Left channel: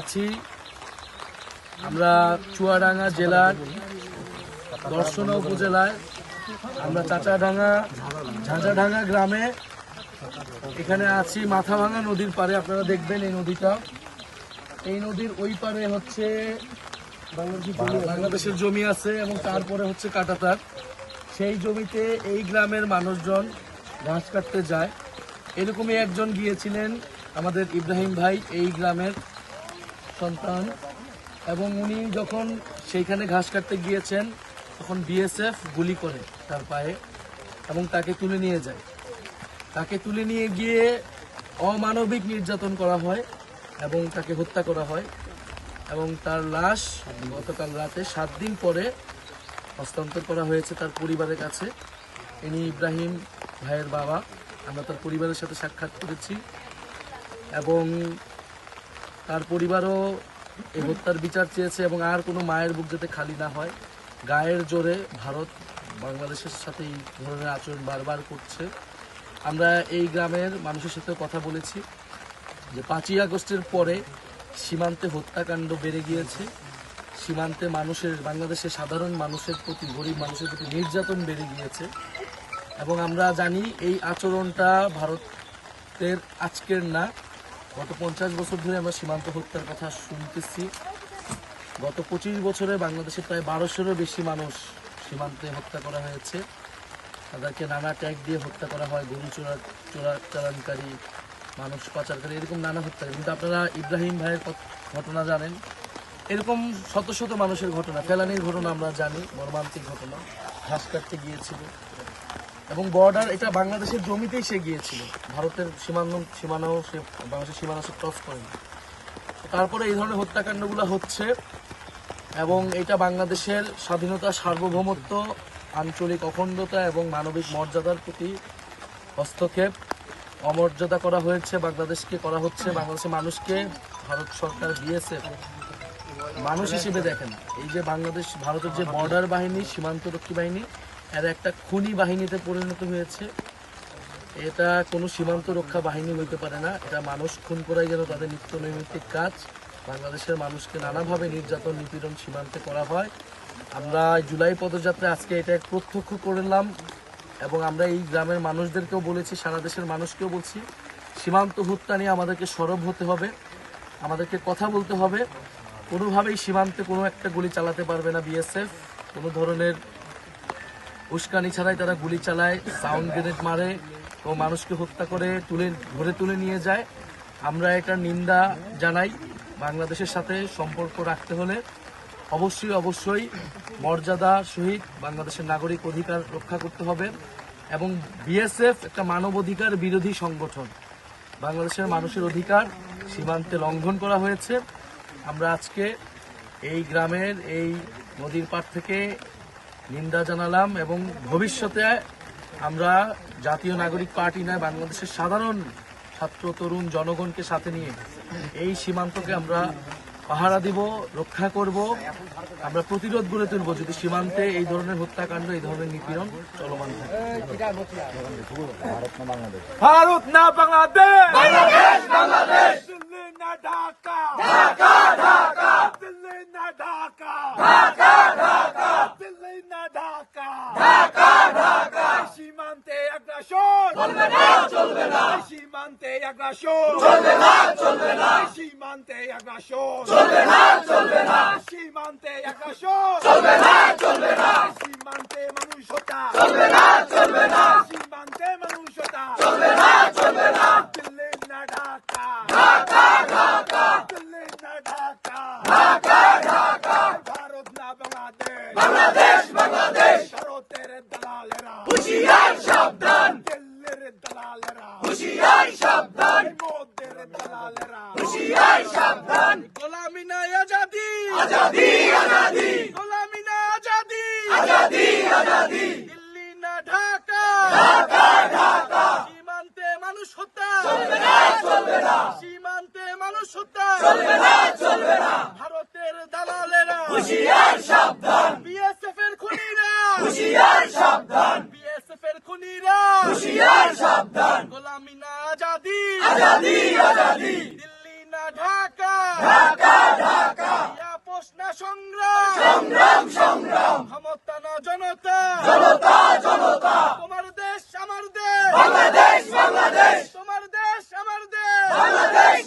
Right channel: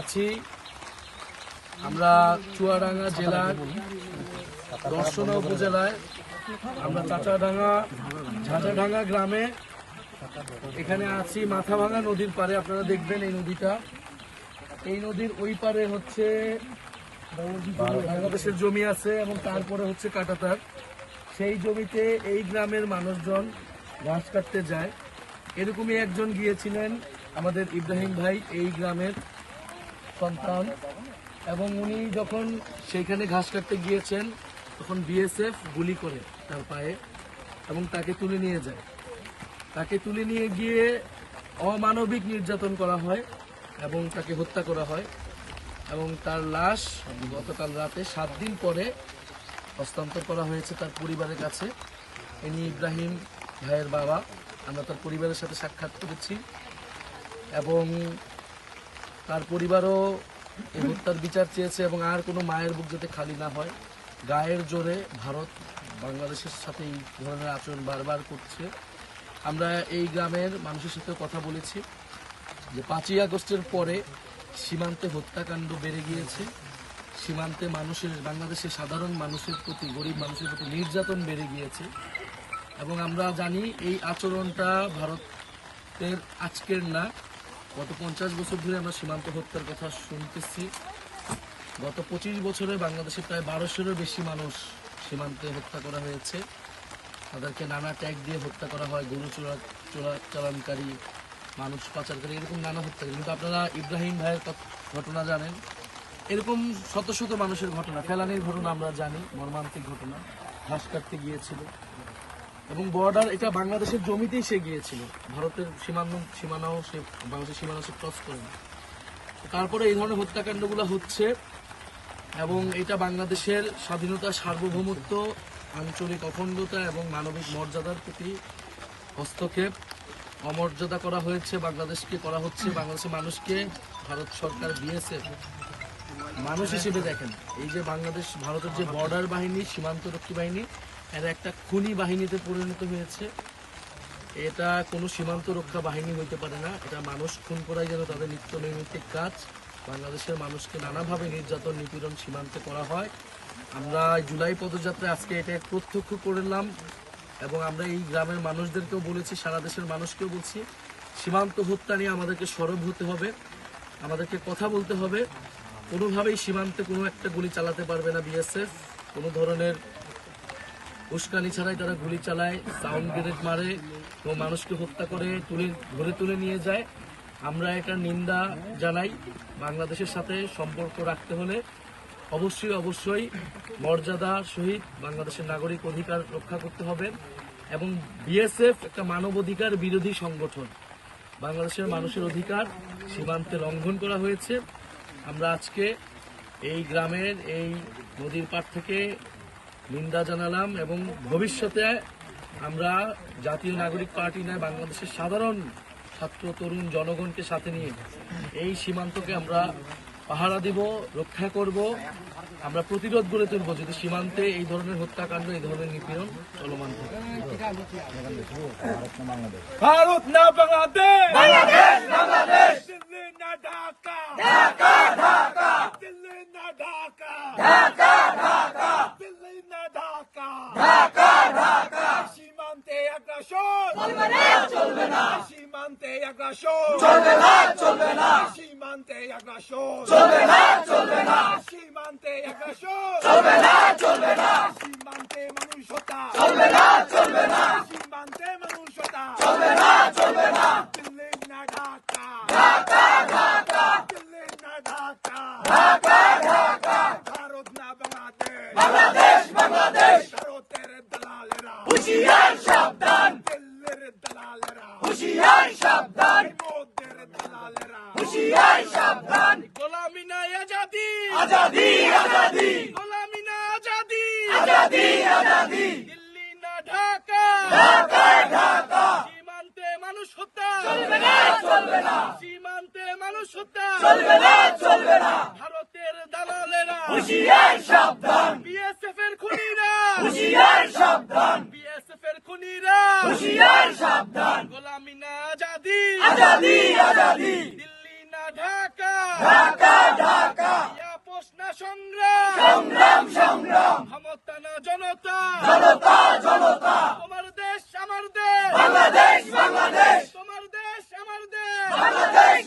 আছি আমরা চুয়াডাঙ্গা জেলার দর্শনা উপজেলায় আমরা চাচাডাঙ্গা ঝাঁঝাডাঙ্গা গ্রামে এখানে আছি মাথাভাঙা নদীর পারে। আপনারা দেখবেন এই নদীটা, এই নদীর ওই পারে হচ্ছে বাংলাদেশের জমি আছে এবং তারপরে হচ্ছে কাঁটাতার। সেই জমিতে এই গ্রামের মানুষজন ঘাস কাটতে যায়। এরকমই একজন গিয়েছিলেন আমাদের ইব্রাহিম ভাই, এই গ্রামের সন্তান, এবং উনি যখন সেইখানে ঘাস কাটতে গিয়েছেন তখন বিএসএফ গুলি করে তার পায়ে এবং তাকে তুলে নিয়ে যায়। তাকে তুলে নিয়ে গিয়ে অমানবিক নির্যাতন করা হয় এবং তাকে হত্যা করা হয় এবং তার লাশ গতকাল রাতে 7 দিন পরে হস্তান্তর করা হয়েছে তার পরিবারের কাছে। ইনি ইব্রাহিম ভাইয়ের বাবা। আমরা তার পরিবারের সাথে সাক্ষাৎ করেছি এবং তার পরিবারও এই হত্যার বিচার চেয়েছে এবং আর কোনো মায়ের বুক যাতে খালি না হয়। গায়ের জোরে ভারত বাংলাদেশের সাথে এই ধরনের আচরণ বারবার করছে। আমরা এই গ্রামের মানুষের সাথেও কথা বলেছি যে 5ই আগস্টের পরে সীমান্তে হত্যাকাণ্ড বেড়ে গিয়েছে, সীমান্তে মানুষের, বাংলাদেশের সাধারণ মানুষের প্রতি, গরিব মানুষের প্রতি নির্যাতন বেড়ে গিয়েছে এবং আমরা জানি এই আচরণটা ভারতের আজকের না, গত 50 বছর ধরে আমরা সীমান্ত হত্যার কথা শুনতেছি। গত 25 বছরে বাংলাদেশে প্রায় 1200-এরও বেশি মানুষ সীমান্তে হত্যা করা হয়েছে। তাদেরকে নানা ট্যাগ দিয়ে হত্যা করা হয়, গরু চোরাচালানকারী, মানুষ পাচারকারী, এরকম নানা হত্যা। কিন্তু আপনারা ইব্রাহিম ভাইয়ের ঘটনা জানেন, এরকম শত শত মানুষের ঘটনা, ফেলানির ঘটনা আমরা জানি, মর্মান্তিক ঘটনা। ঘাস কাটতে গিয়েছিল এবং বর্ডার, এটা বাংলাদেশের জমিতেই সে গিয়েছিল, ভারতের সীমানাও সে, বাংলাদেশের সীমানা সে ক্রস করেনি। তারপরে এই ধরনের হত্যাকাণ্ডগুলো হচ্ছে এবং এটা বাংলাদেশের স্বাধীনতা, সার্বভৌমত্ব, আঞ্চলিক অখণ্ডতা এবং মানবিক মর্যাদার প্রতি হস্তক্ষেপ, অমর্যাদা করা হয়েছে, বাংলাদেশকে করা হচ্ছে। বাংলাদেশের মানুষকে ভারত সরকার বিএসএফ মানুষ হিসেবে দেখেন। এই যে বাংলাদেশ ভারতের যে বর্ডার বাহিনী, সীমান্তরক্ষী বাহিনী, এরা একটা খুনি বাহিনীতে পরিণত হয়েছে। এটা কোনো সীমান্ত রক্ষা বাহিনী হইতে পারে না। এটা মানুষ খুন করাই যেন তাদের নিত্য নৈমিত্তিক কাজ। বাংলাদেশের মানুষকে নানাভাবে নির্যাতন, নিপীড়ন সীমান্তে করা হয়। আমরা জুলাই পদযাত্রায় আজকে এটা প্রত্যক্ষ করলাম এবং আমরা এই গ্রামের মানুষদেরকেও বলেছি, সারা দেশের মানুষকেও বলছি, সীমান্ত হত্যা নিয়ে আমাদেরকে সরব হতে হবে, আমাদেরকে কথা বলতে হবে। কোনোভাবেই সীমান্তে কোনো একটা গুলি চালাতে পারবে না বিএসএফ। কোনো ধরনের উস্কানি ছাড়াই তারা গুলি চালায়, সাউন্ড গ্রেনেড মারে ও মানুষকে হত্যা করে ধরে তুলে নিয়ে যায়। আমরা এটা নিন্দা জানাই। বাংলাদেশের সাথে সম্পর্ক রাখতে হলে অবশ্যই মর্যাদার সহিত বাংলাদেশের নাগরিক অধিকার রক্ষা করতে হবে এবং বিএসএফ একটা মানবাধিকার বিরোধী সংগঠন। বাংলাদেশের মানুষের অধিকার সীমান্তে লঙ্ঘন করা হয়েছে। আমরা আজকে এই গ্রামের এই নদীর পাড় থেকে নিন্দা জানালাম এবং ভবিষ্যতে আমরা জাতীয় নাগরিক পার্টি নয়, বাংলাদেশের সাধারণ ছাত্র, তরুণ, জনগণকে সাথে নিয়ে এই সীমান্তকে আমরা পাহারা দিব, রক্ষা করব। আমরা প্রতিরোধ গড়ে তুলব যদি সীমান্তে এই ধরনের হত্যাকাণ্ড, এই ধরনের নিপীড়ন চলমান থাকে। ভারত না বাংলাদেশ, দিল্লি না ঢাকা, দিল্লি না ঢাকা, দিল্লি না ঢাকা, সীমান্তে আগ্রাসন চলবে না, সীমান্তে আগ্রাসন চলবে না, সীমান্তে আগ্রাসন চলবে না, সীমান্তে আগ্রাসন চলবে না, সীমান্তে মানুষ হত্যা চলবে না, সীমান্তে মানুষ হত্যা চলবে না, দিল্লি না ঢাকা, দিল্লি না ঢাকা, ভারত না বাংলাদেশ, ভারতের দালালেরা হুঁশিয়ার সাবধান, দিল্লির দালালেরা হুঁশিয়ার সাবধান, মোদের দালালেরা হুঁশিয়ার সাবধান। গোলামি না আজাদি, গোলামি না আজাদি, দিল্লি না ঢাকা, সীমান্তে মানুষ হত্যা চলবে না, সীমান্তে মানুষ হত্যা চলবে না, ভারতের দালালেরা হুঁশিয়ার সাবধান, বিএসএফ এর খুনিরা হুঁশিয়ার সাবধান, বিএসএফ এর খুনিরা হুঁশিয়ার সাবধান। গোলামি না আজাদি, দিল্লি না ঢাকা, আপোষ না সংগ্রাম, ক্ষমতা না জনতা, তোমার দেশ আমার দেশ, তোমার দেশ আমার দেশ,